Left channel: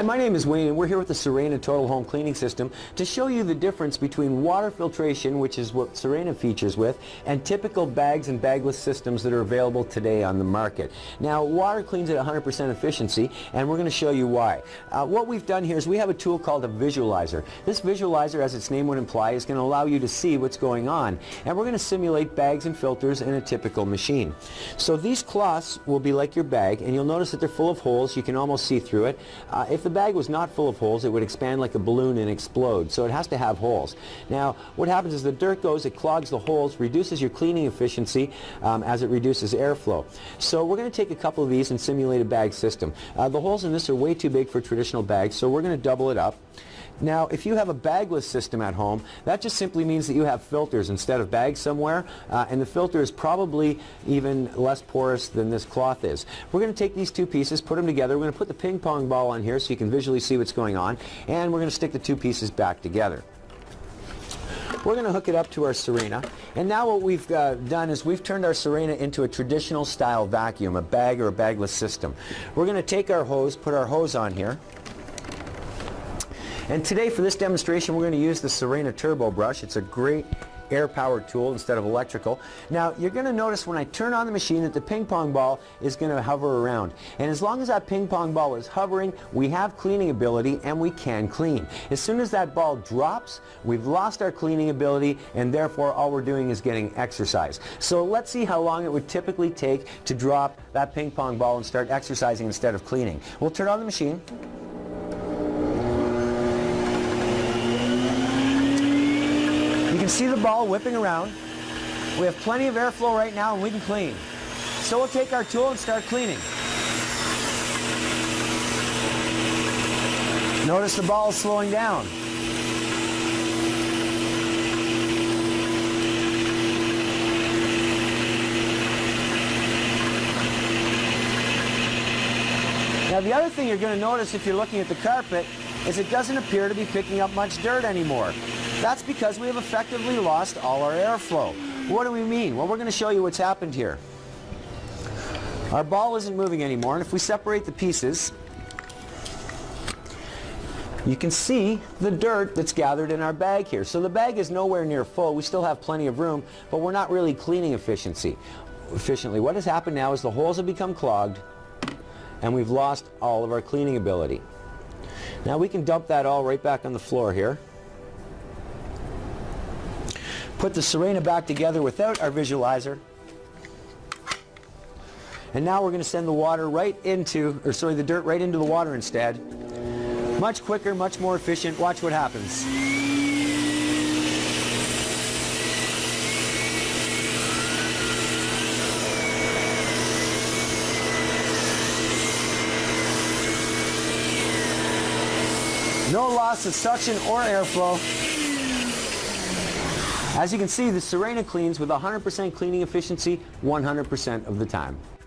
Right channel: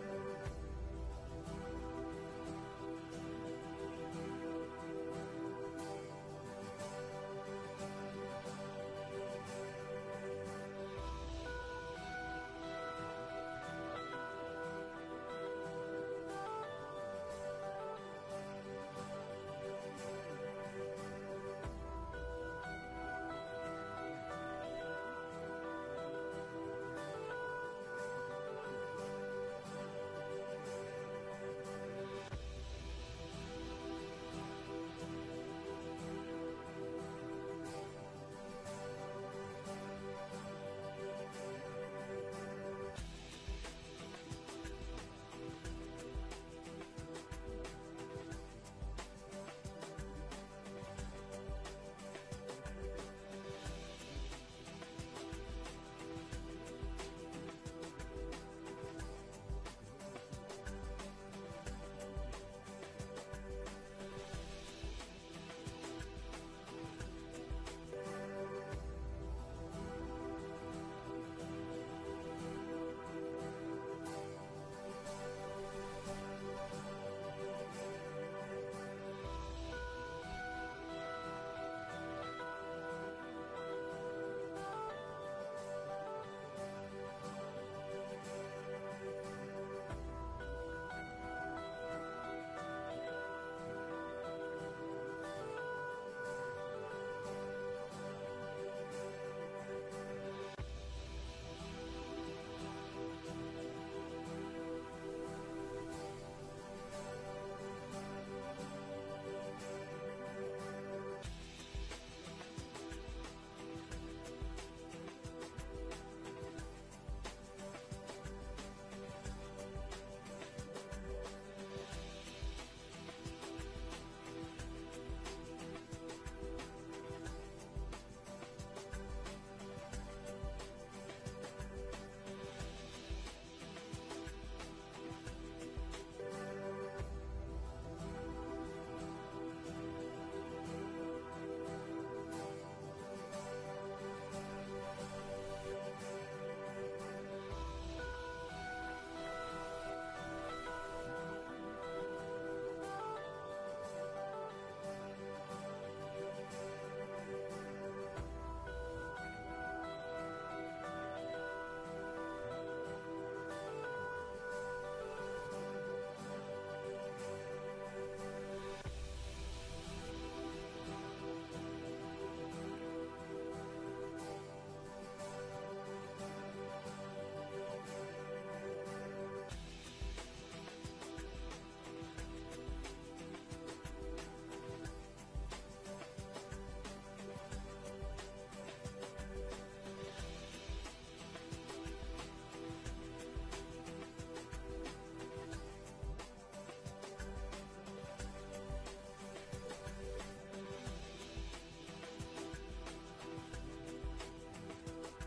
Hi, my name is Wayne and we're here with the Sirena Total Home Cleaning System to show you the difference between water filtration, which is what Sirena features with, and typical bags and bagless systems that are available today on the market. Now, water cleans at 100% efficiency, and we're going to show you why. What we've done here is we have a tool called a visualizer. This visualizer, as its name would imply, is going to allow you to see what's going on, and we're going to simulate bags and filters in a typical machine. So these cloths will be like your bag, and you'll notice that they're full of holes. You can almost see through it. If the bag was not full of holes, it would expand like a balloon and explode, so it has to have holes. Now, what happens is the dirt goes, it clogs the holes, reduces your cleaning efficiency as it reduces airflow. So we're going to take a couple of these and simulate a bag system. The holes in this are way too big for traditional bags, so we're going to double it up. Now, if you have a bagless system at home, that just simply means that you have filters instead of bags somewhere, and the filter is probably even less porous than this cloth is. We're going to take these two pieces, put them together. We're going to put the ping pong ball on here so you can visually see what's going on, and we're going to stick the two pieces back together. We're going to hook it up to our Sirena, and now what we've done is we've turned our Sirena into a traditional style vacuum, a bag or a bagless system. We're going to take our hose, put our hose on here. And today for this demonstration we're going to use the Sirena Turbo Brush. It's a great air-powered tool instead of electrical. Now you're going to notice when I turn on the machine that the ping pong ball is going to hover around. And as long as that ping pong ball is hovering, we have cleaning ability and we can clean. As soon as that ball drops, we've lost our cleaning ability, and therefore all we're doing is getting exercise. So let's see how long it would typically take to drop that ping pong ball and start exercising instead of cleaning. We'll turn on the machine. You can see the ball whipping around. We have plenty of airflow right now and we can clean. So we'll take our tool and start cleaning. Notice the ball is slowing down. Now the other thing you're going to notice if you're looking at the carpet is it doesn't appear to be picking up much dirt anymore. That's because we have effectively lost all our airflow. What do we mean? Well, we're going to show you what's happened here. Our ball isn't moving anymore, and if we separate the pieces, you can see the dirt that's gathered in our bag here. So the bag is nowhere near full. We still have plenty of room, but we're not really cleaning efficiently. What has happened now is the holes have become clogged, and we've lost all of our cleaning ability. Now we can dump that all right back on the floor here. Put the Sirena back together without our visualizer. And now we're going to send the water right into, the dirt right into the water instead. Much quicker, much more efficient. Watch what happens. No loss of suction or airflow. As you can see, the Sirena cleans with 100% cleaning efficiency 100% of the time.